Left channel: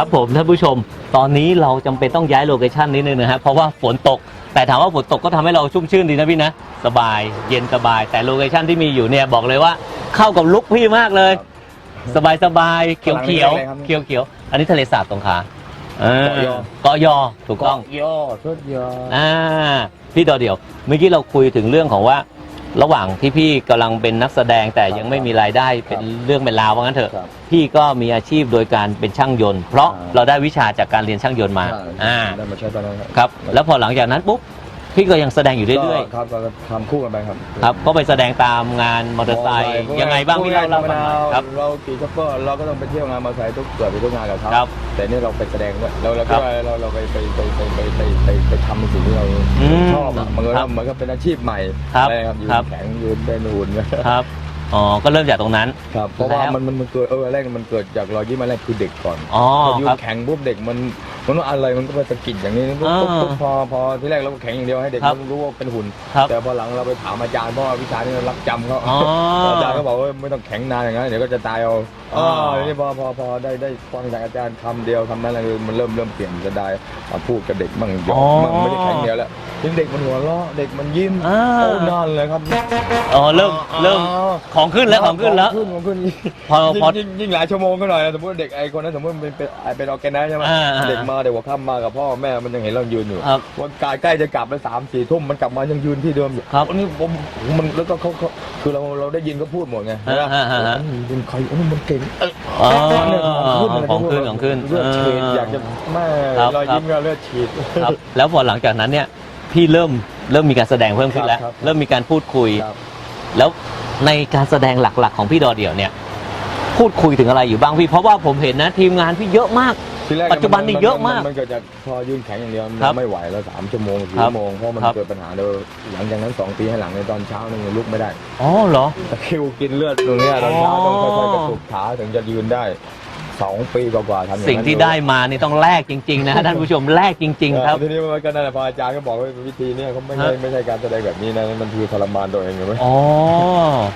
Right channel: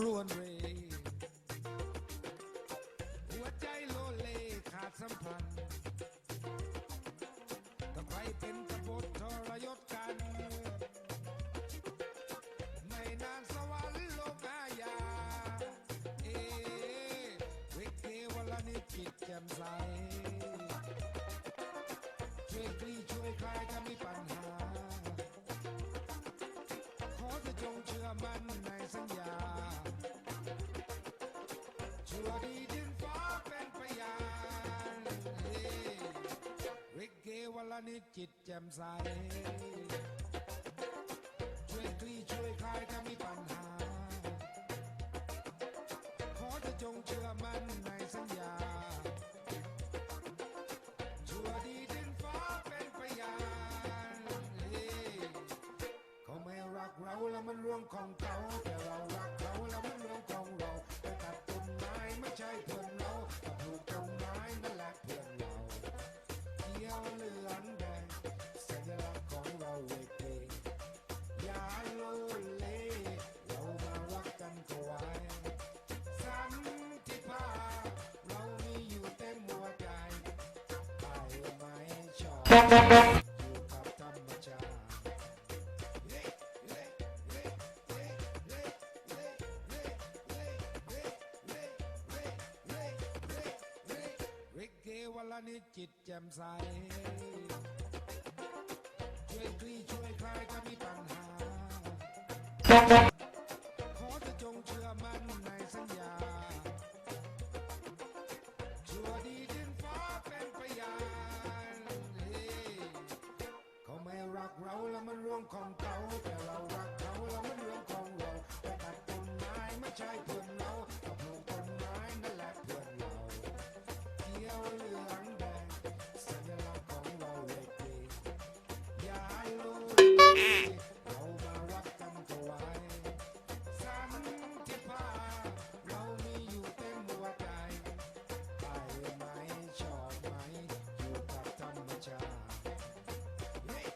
านผู้ชมตอนนี้เราจำเป็นต้องย้ายโลเคชันนิดนึงนะฮะเพราะว่าฝนตก แต่ถามว่าฝนตกก็ทำให้เราชุ่มชื่นดีนะพี่นะ สบายเย็นสบาย แต่โลเคชันที่มีอยู่เนี่ยบอกเลยว่าเข้ากับลุคพี่มากเลย สบายสบายเขียวเขียวอะไรครับเขียวเขียวๆอันนี้ทะเลสาบสงขลาเออเกาะยอเกาะยอถูกต้อง ย่อสุดยอด อ่าพี่ดอเดียวเมื่อกี้เราคุยถึงเรื่องของว่า ระหว่างที่พี่กำลังเป็นนักแสดงแต่ยังไม่มีรายได้เป็นเรื่องเป็นราวว่างั้นเถอะ ครับพี่ก็มีอาชีพโดยการเป็นช่างยนต์ เพราะอ่า เราได้วิชาจากการเรียนช่างยนต์มาใช่อ่าได้มาใช้ตอนนั้นครับ ครับแล้วพอหลังจากนั้นปุ๊บ พี่ก็ยังแสดงอยู่เรื่อยก็ครับก็ทำคู่กันไปครับๆครับก็ไปแสดงตามงานมอเตอร์ไซค์ยังไงบ้างพี่เล่าเล่าฟังหน่อยครับ เราขี่ช็อปเปอร์เราก็ต้องไปเที่ยวงานมอเตอร์ไซค์ทุกเกือบไปทุกงานกับเขาครับแต่นี่เราไปแสดงด้วยเราเราครัก็บเราเราไปไปไปไปไปไปไปไปทำในสิ่งที่เราอืมชอบอะมันก็ครับมันก็เป็นอาชีพใหม่ครับอะไรครับยืครับ นแข็งยืนได้นูนครับอ๋อก็เริ่มจากตรงนั้น ครับเพราะว่าแล้ว มันมันมันเกิดเออแรกมันเกิดจากรอยยิ้มอันแรกคือเด็กก่อนอ๋อพอยืครันบแข็งปุ๊บเด็กมันมันว่าอะไรมันก็ไปสะกิดอย่างนี้ปุ๊บอ่าปุ๊บปุ๊บพอพอที่แรกเราก็แข็งอย่างเดียวให้เด็กครับมันรู้ว่าเป็นหุ่น ครับแต่พอหลังเราไปถามอาจารย์เพราะว่าวิชานี้เรารักจำเขาอ๋ออาจารย์ก็บอกว่าไม่ต้องแข็งนานอย่างนั้นเดี๋ยวก็จะตายเอาอ๋ออ๋อนี่พอพอพอได้ได้ฟังจากอาจารย์คำเดียวคำนั้นอะไรมันเริ่มเริ่มเปลี่ยนจะได้มาพูดกับเด็กบ้างหยอกบ้างไม่ได้แข็งเดียวแล้วยิ่งเด็กมันหัวเราะเด็กมันยิ้มอ่าโอ้นอนเลยครับอ๋อเริ่มเริ่มอ๋อ ของขึ้นแล้วของขึ้นแล้วขึ้นของขึ้นพอพอยิ่งยิ่งยิ่งหลายชั่วโมงก็หน่อยนะสมมติเด็กไอ้คนนั้นสมมติเป็นเป็นเป็นออร์แกไนซ์ใช่ไหมอ่าอ่า เด็กมาเด็กหัวค่ำมากับพ่อแม่มันยังเห็นเรายืนอยู่ครับวันกายใกล้จะกลับแล้วสามสี่ทุ่มมันกลับมายังยืนที่เดิมอยู่ครับวันนี้ผมมันแล้วก็เขาเขาคือเราเราได้ยินเขาพูดหมดไงอ่าอ่าอ่าอ่าเป็นใครโอ้ยมันเก่งเอออ๋อะไรของขึ้นของขึ้นเลือดฉีดอยากจะแม่ครับรอยยิ้มก็เลือดฉีด ครับ แล้วพอหลังจากนั้นเนี่ยพี่เริ่มเริ่มมีการแสดงเพิ่มขึ้นแล้ว ครับเริ่มมีการพูดคุย ครับ แล้วในการแสดงหลักๆ ของพี่ดอเดี่ยวเนี่ย พูดคุยถึงอะไรอยู่บ้างพี่ เพราะว่าผมเห็นนะทีมงานพี่เยอะมาก ทีแรกปัจจุบันนี่เยอะมากมันเกิดจากพอยืนแข็งอย่างเดียวมันครับไม่ไหวแล้วสามชั่วโมงสี่ครับชั่วโมงเพราะมันครับ เกิดปัญหาเดิมหลังจากนั้นสองปีให้หลังในตอนเช้านี่ยังลุกไม่ได้อ๋อเหรอ ตะคริวกินเลือดตรงเนี้ยตอนเช้าอ๋อต้องค่อยๆกระตุกขาถึงจะยืนได้ สองปีกว่าๆทำอย่างนั้นสิ่งที่ได้มานี่ต้องแลกจริง ๆนะท่านผู้ชมแลกจริง ๆ ครับ ทีนี้มันก็นั่นแหละพออาจารย์ก็บอกว่าวิธีเนี้เขาไม่ใช่ฮะ ไม่ใช่การแสดงแบบนี้นะมันคือทรมานตัวเองใช่ไหมอ๋อ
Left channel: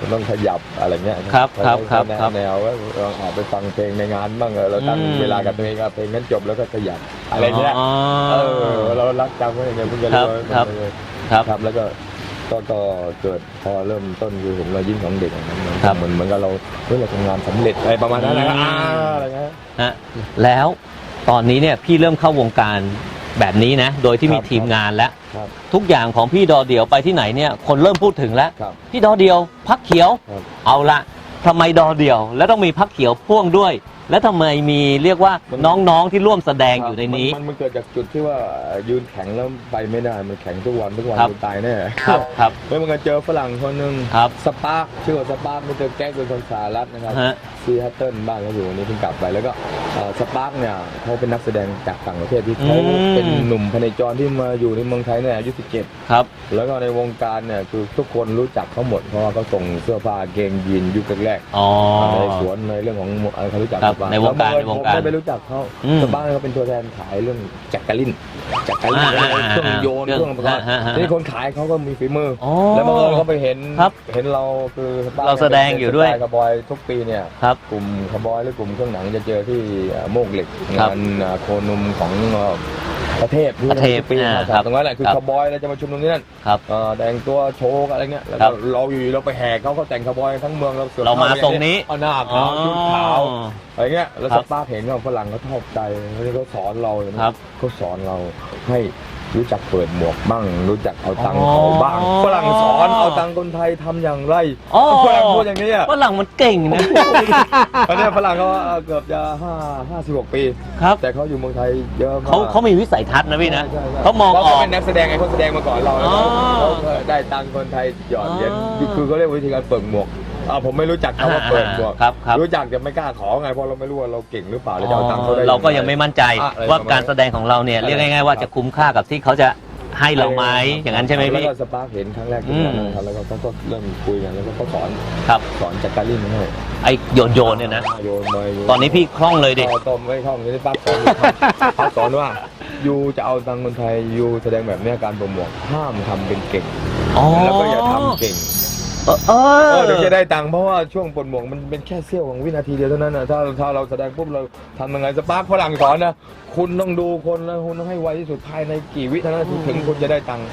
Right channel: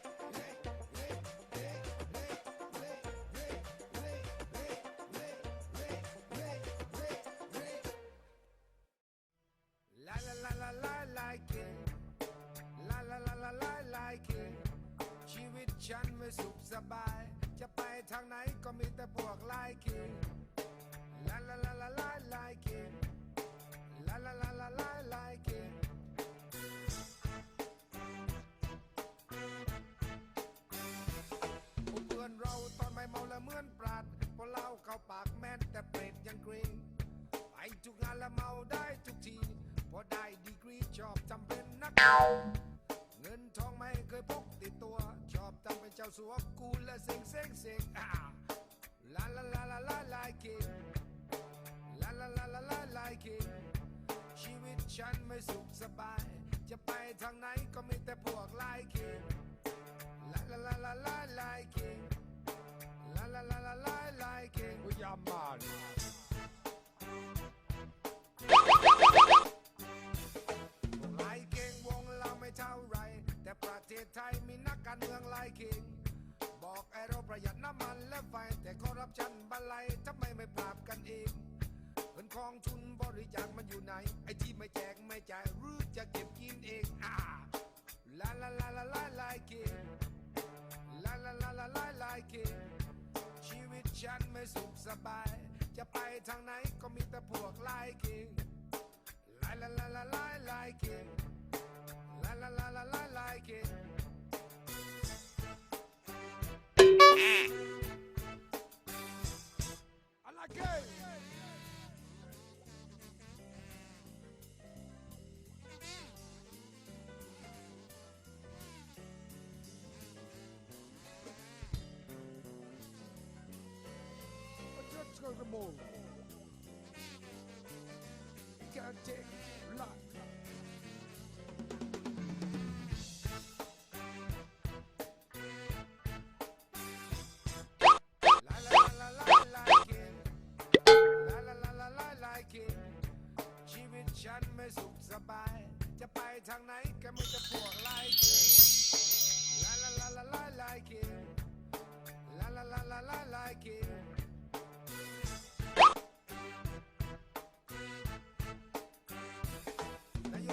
มันต้องขยับอะไรเงี้ยครับครับเขาครับแนะครับแนวว่าเราออกไปฟังเพลงในงานบ้างเออเราตั้งอืม เวลากับตัวเองอะเพลงนั้นจบแล้วก็ขยับอะไรเงี้ยอ๋อเออเรารักจำไว้อย่างเงี้ยเพิ่งจะครับรู้ว่าครับมันครับครับแล้วก็ ก็ก็เกิดพอเริ่มต้นคือเห็นรอยยิ้มของเด็กอย่างนั้นครับเหมือนเหมือนกับเราเฮ้ยเราทำงานสำเร็จอะไรประมาณนั้นนะครับอืมอ่าอะไรเงี้ย ฮะแล้วตอนนี้เนี่ยพี่เริ่มเข้าวงการแบบนี้นะ โดยที่มีครับ ทีมงานแล้ว ครับทุกอย่างของพี่ดอเดียวไปที่ไหนเนี่ยคนเริ่มพูดถึงแล้ว ครับ พี่ดอเดียวพักเขียว ครับ เอาละทำไมดอเดียว แล้วต้องมีพักเขียวพ่วงด้วย แล้วทำไมมีเรียกว่าน้องๆที่ร่วมแสดงอยู่ในนี้ มันมันเกิดจากจุดที่ว่ายืนแข็งแล้วไปไม่ได้ มันแข็งทุกวันทุกวันครับจนตายแน่ครับครับ เมื่อมันก็เจอฝรั่งคนหนึ่งครับ สปาร์คชื่อว่าสปาร์คมิสเตอร์แก๊กเป็นคนสหรัฐนะครับ ฮะ ซีแฮตเทิลบ้านเขาอยู่วันนี้เพิ่งกลับไปแล้วก็สปาร์คเนี่ยเขาเป็นนักแสดงจากต่างประเทศที่เขาอืมเป็นหนุ่มพเนจรที่มาอยู่ในเมืองไทยเนี่ยอายุ 17 ครับ แล้วก็ในวงการเนี่ยคือทุกคนรู้จักเขาหมดเพราะว่าเขาส่งเสื้อผ้าเกงยีนยุคแรกอ๋อๆในสวนในเรื่องของอะไรเขารู้จักครับสปาในวงการแล้ในวงการผมไม่ไปรู้จักเขาอืมสปาร์คเขาเป็นตัวแทนขายเรื่องจักรลินจักรลินอ่าอ่าอ่าเครื่องโยนเครื่องเครื่องประกอบฮะฮะฮะทีนี่คนขายเขาก็มีฝีมืออ๋อแล้วบังเอิญเขาไปเห็นครับเห็นเราคือสปร์คเราแสดงอยู่ด้วยเป็นสไตล์คาร์บอยทุกปีเนี่ยครับกลุ่มคาร์บอยหรือกลุ่มเครื่องหนังจะเจอที่เอ่อโมกเหล็กครับงานอ่าโคนมของเอ่อประเทศที่ประเทศทุกปีอ่ามาครับตรงนั้นแหละคือครับคาร์บอยเราจะมาชุมนุมที่นั่นครับเอ่อแต่งตัวโชว์อะไรเงี้ยแล้วครัก็บเราอยู่เราไปแห่เขาเขาแต่งคาร์บอยทั้งเมืองเราสวดเรามาข้ทรงนี้เอาหน้าอ๋อขาวชุดขาวอะไรเงี้ยแล้วครัสบปาร์คเห็นว่าฝรั่งเขาชอบใจเขาสอนเราอย่างนี้ครับเขาสอนเราให้รู้จักเปิดหมวกบ้าง รู้จักเอาตังค์อ๋อเขาบ้างฝรั่งสอนเอาตังค์คนไทยทำอย่างไรอ๋อฝรั่งพูดอย่างนี้อะฝรั่งมันเก่งนะ ตอนนี้ฝรั่งเขาเกือบจะห้าห้าสิบหกปี ครับ แต่เขาอยู่เมืองไทยเยอะมากเขาเขามีวิสัยทัศน์นะพี่นะใช่ใช่เขามองอเขาอกเป็นนักแสดงไงเขาแสดงมาก่อนเราแล้วอ๋อเขาเขาได้ตังค์คนไทยหยอดเหรียญอ๋อ คือเขาเรียกวิธีการเปิดหมวก อ่าผมไม่รู้จักคำว่าเปิดหมวกครับครับ รู้จักแต่ไม่กล้าขอไงเพราะเราไม่รู้ว่าเราเก่งหรือเปล่าเราจะเอาตังค์เขาได้ เราก็ยังไม่มั่นใจอะอะไรว่าประมาณการแสดงของเราเนี่ยอะไร เรียกง่ายๆว่าจะคุ้มค่ากับที่เขาจะให้เราไหมอย่างนั้นใช่ไหมแล้วพี่ ก็สปาร์คเห็นครั้งแรกอืที่มนั่นนะครับแล้วก็เขาก็เริ่มคุยกันแล้วก็เขาสอนครับสอนจักการินให้ไอโยนโยนเนี่ยนะโยนมาโยตอนนี้พี่คล่องเลยดิต่อต้มไม่ท่องนี่ป้าสอนป้าสอนว่ายูจะเอาตังค์คนไทยยูแสดงแบบเนี้ยการโปรโมทห้ามทำเป็นเก่งอ๋อแล้วก็อย่าทำเก่ง เออเอออ ถึงจะได้ตังค์เพราะว่าช่วงปลดหมวกมันเป็นแค่เสี้ยวของวินาทีเดียวเท่านั้นนะถ้าถ้าเราแสดงปุ๊บเราทำยังไงสปาร์คฝรั่งสอนนะคุณต้องดูคนนะคุณต้องให้ไวที่สุดภายในกี่วิเท่านั้นถึงคุณจะได้ตังค์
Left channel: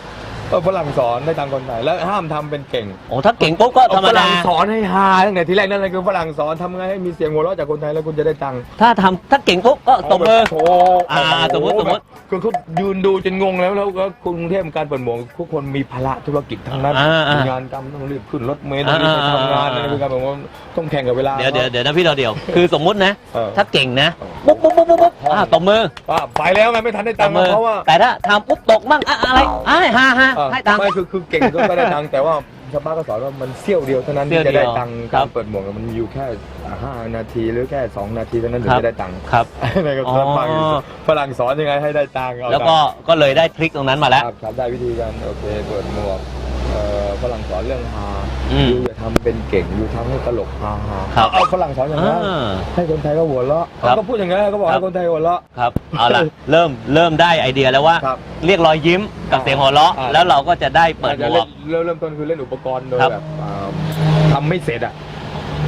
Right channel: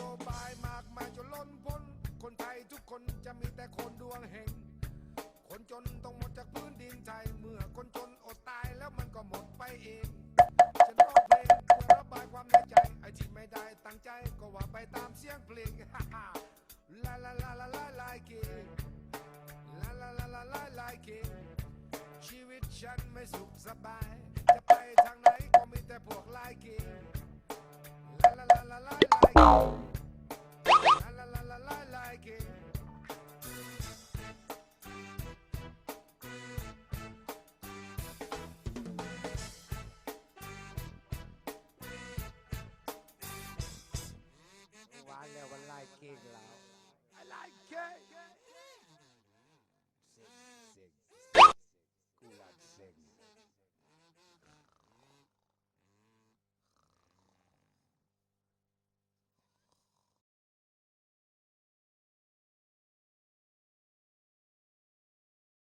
ฝรั่งสอนได้ตังค์คนไทยแล้วห้ามทำเป็นเก่งโอ้ถ้าเก่งปุ๊บก็ธรรมฝดา รั่งสอนให้ฮาตั้งแต่ทีแรกนั่นเลยคือฝรั่งสอนทำไงให้มีเสียงหัวเราะจากคนไทยแล้วคุณจะได้ตังค์ถ้าทำถ้าเก่งปุ๊บก็ตบมือ โอ้โหอ่าสมมุติสมมุติ คือเขายืนดูจนงงแล้วแล้วก็กรุงเทพการเปิดหมวกทุกคนมีภาระธุรกิจทั้งนั้นอ่าอ่ามีงานกรรมต้องรีบขึ้นรถเมล์ต้องรีบไปทำงานอ่านะคือการแบบว่าต้องแข่งกับเวลา เดี๋ยวเดี๋ยวเดี๋ยวนะพี่เราเดี๋ยว คือสมมุตินะ เออ ถ้าเก่งนะปุ๊บปุ๊บปุ๊บปุ๊บปุ๊บอ่าตบมือว่าไปแล้วไงไม่ทันได้ตตับงค์มือ เพราะว่า แต่ถ้าทำปุ๊บตกมั่งอะอะไรอ่าฮ่าฮ่าเออให้ตังค์ ไม่คือคือเก่งก็ได้ตังค์แต่ว่าชาวบ้านก็สอนว่ามันเสี้ยวเดียวเท่านั้นเสี้ที่ยวเดีจะยวได้ตังค์ครักาบรเปิดหมวกมันอยู่แค่ห้านาทีหรือแค่สองนาทีเท่านั้นถึงครับ จะได้ตังค์ครับ ในกับอ๋อฝรั่งฝรั่งสอนยังไงให้ได้ตังค์เอาแล้วก็ก็เลยได้ทริคตรงนั้นมาแล้วครับครับได้วิธีการโอเคเปิดหมวก เรื่องฮาอืม ยูอย่าทำเป็นเก่งยูทำให้ตลกฮาฮาครับ เอาฝรั่งสอนอย่างนั้นอ่าให้คนไทยก็หัวเราะครับเขาก็พูดอย่างนั้นเขาบอกครัให้บคนไทยหัวเราะ ครับ เอาล่ะ เริ่มเริ่มได้ไอเดียแล้วว่า ครับเรียกรอยยิ้มกับเสียงหัวเราะอ่า แล้วเราก็จะได้เปิดหจะมเล่วนกเริ่มเริ่มต้นคือเล่นอุปกรณ์โดยครับ แบบอ่าทำไม่เสร็จอะ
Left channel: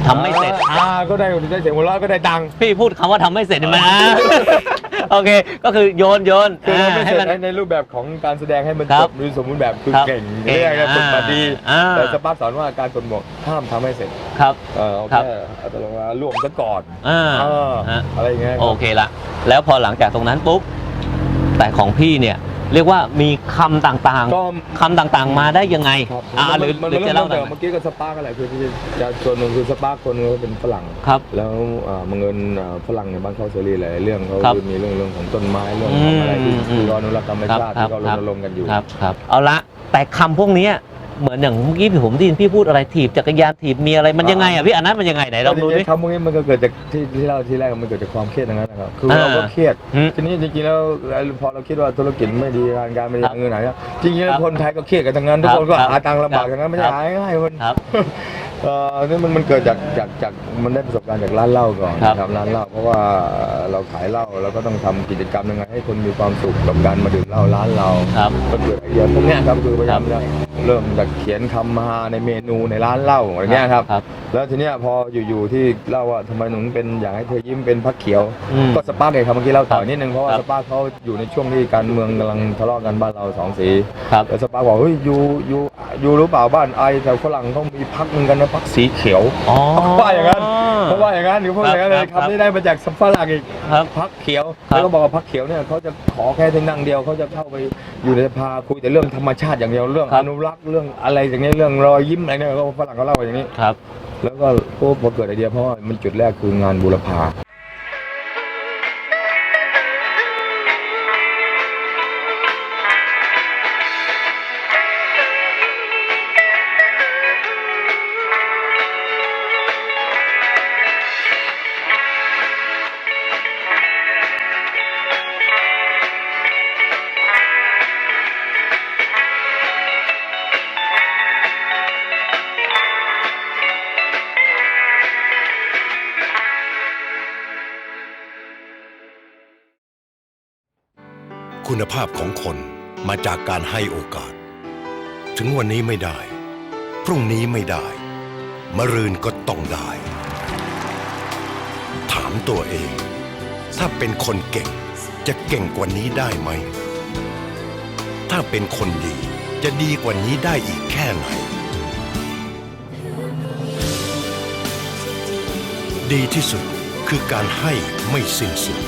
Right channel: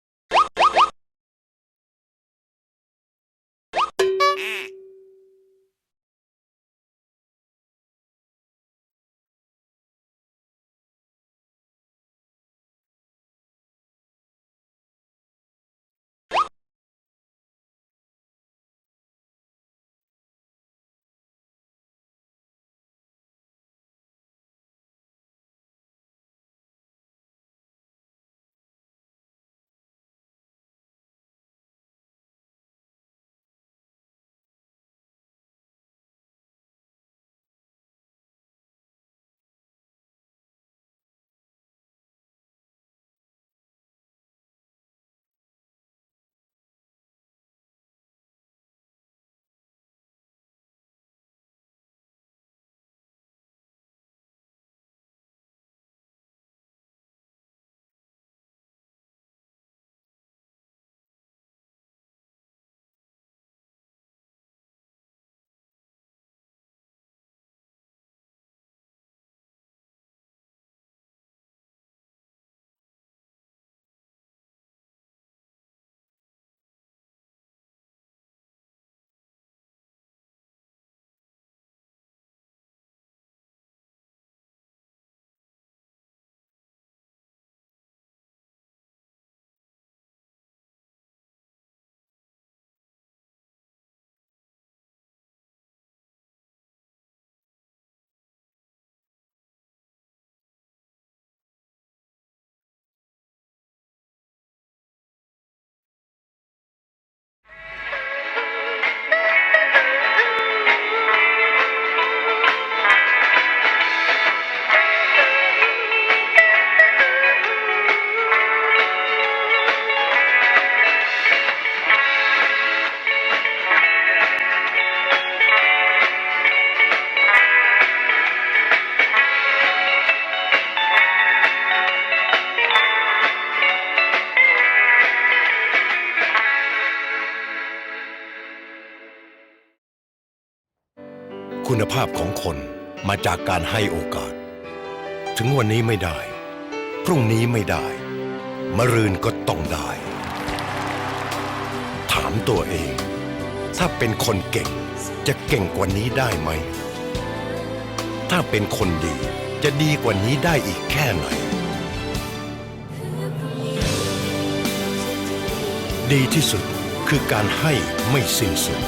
ทำไม่เสร็จอ่าก็ได้ได้เสียงหัวเราะก็ได้ตังค์พี่พูดคำว่าทำไม่เสร็จเห็นไหมโอเค ก็คือโยนโยนคืออ่าทำไม่ให้เสร็จมันในในรูปแบบของการแสดงให้มันครัจบบหรือสมบูรณ์แบบคือครับเก่งเก่งเรียกไงอ่าคนมาดีอ่าแต่สปาร์คสอนว่าการกดหมวกห้ามทำให้เสร็จครับเออเอาครับแค่เอาตัวลงมาล่วงซะก่อนอ่าเออฮะอะไรอย่างเงี้ยโอเคละแล้วพอหลังจากตรงนั้นปุ๊บแต่ของพี่เนี่ย เรียกว่ามีคำต่างก็ ๆคำต่างๆมาได้ยังไงครับอ่าหรือมันหรือมันจะเริ่เล่ามหน่แต่อยเมื่อกี้ก็สปาร์กอะไรคือที่จะส่วนหนึ่งคือสปาร์กคนก็เป็นฝรั่ง ครับ แล้วอ่าบังเอิญอ่าฝรั่งในบ้านเขาเสรีหลายๆเรื่องเขาครับมีเรื่องเรื่องของต้นไม้เรื่องของอะไรที่อืมที่เขาอนุรักษ์ธรรมชาติครับที่เขารครับณรงค์กันอยู่ ครับครับเอาละแต่คำพวกเนี้ย เหมือนอย่างเมื่อกี้ผมได้ยินพี่พูดอะไรถีบจักรยานถีบมีอะไรมันยังไงอะพี่อันนั้นมันยังไงไหนลองดูดิ คำพวกนี้มันก็เกิดจากที่ที่เราที่แรกมันเกิดจากความเครียดทั้งนั้นนะครับคือเราก็อ่าเครียดอืมทีนี้จริงๆแล้วพอเราคิดว่าธุรกิจไม่ดีการงานไม่ดีครับเงินไหนจริงๆแล้วครับคนไทยก็เครียดกันทั้งนั้นทุกครับคนก็ครับหาตังค์ลำบากครับทั้งนั้นไม่ใช่ครับ หาง่ายๆมันครับ เอ่อนี่มันมันเกิดจากจากจากมันได้ประสบการณ์จากร้านเหล้าก่อนครับนะครับร้านเหล้าเพราะว่าเราขายเหล้าเราก็ต้องทำกิจกรรมยังไงให้คนมีความสุขกับการมาดื่มเหล้าร้านเราครับก็เกิดไอเดียพวกเนี้ยครับคือพยายามจะ เริ่มจากเขียนคำมาในเมนูในร้านเหล้าอะไรเงี้ยครับ ครับ แล้วทีเนี้ยพออยู่ๆที่เล่าว่าทำไมหนูเป็นอยากให้เธอยิ้มเป็นพักเขียว อืม ก็สปาร์กเองครับเมื่อกี้เล่าต่อนิดนึงเพราะว่าครับ สปาร์กเขาอยู่ในช่วงที่การเมืองกำลังทะเลาะกันบ้านเราสองสี ครับ แล้วสปาร์กบอกเฮ้ยยูยูยูรู้เปล่าบ้านไอแต่ฝรั่งเขามีพักนึงกันนะพักสีเขียว อ๋อ ว่าอย่างนั้น เพราะว่าอย่างนั้นหรือพูดอย่างนั้นเลยครับคำนี้ได้มาจากฝรั่งอีกครับ พักเขียวครับ แล้วก็บอกว่าพักเขียวเนี่ยเขาจะขอแค่ที่นั่งเดียวเขาจะเข้าไปอยู่ในสภาคุยแต่เรื่องธรรมชาติอย่างเดียวเรื่องครัอบนุรักษ์เรื่องอะไรอย่างเงี้ยเรื่องรอยยิ้มอะไรเนี่ยก็ฝรั่งเขาเล่าอย่างนี้ ครับ แล้วก็พอเกิดไอเดียเพราะว่ามันจุดแรกคืองานบูรพา คุณภาพของคนมาจากการให้โอกาส ถึงวันนี้ไม่ได้ พรุ่งนี้ไม่ได้ มรืนก็ต้องได้ ถามตัวเอง ถ้าเป็นคนเก่งจะเก่งกว่านี้ได้ไหม ถ้าเป็นคนดีจะดีกว่านี้ได้อีกแค่ไหน ดีที่สุดคือการให้ไม่สิ้นสุด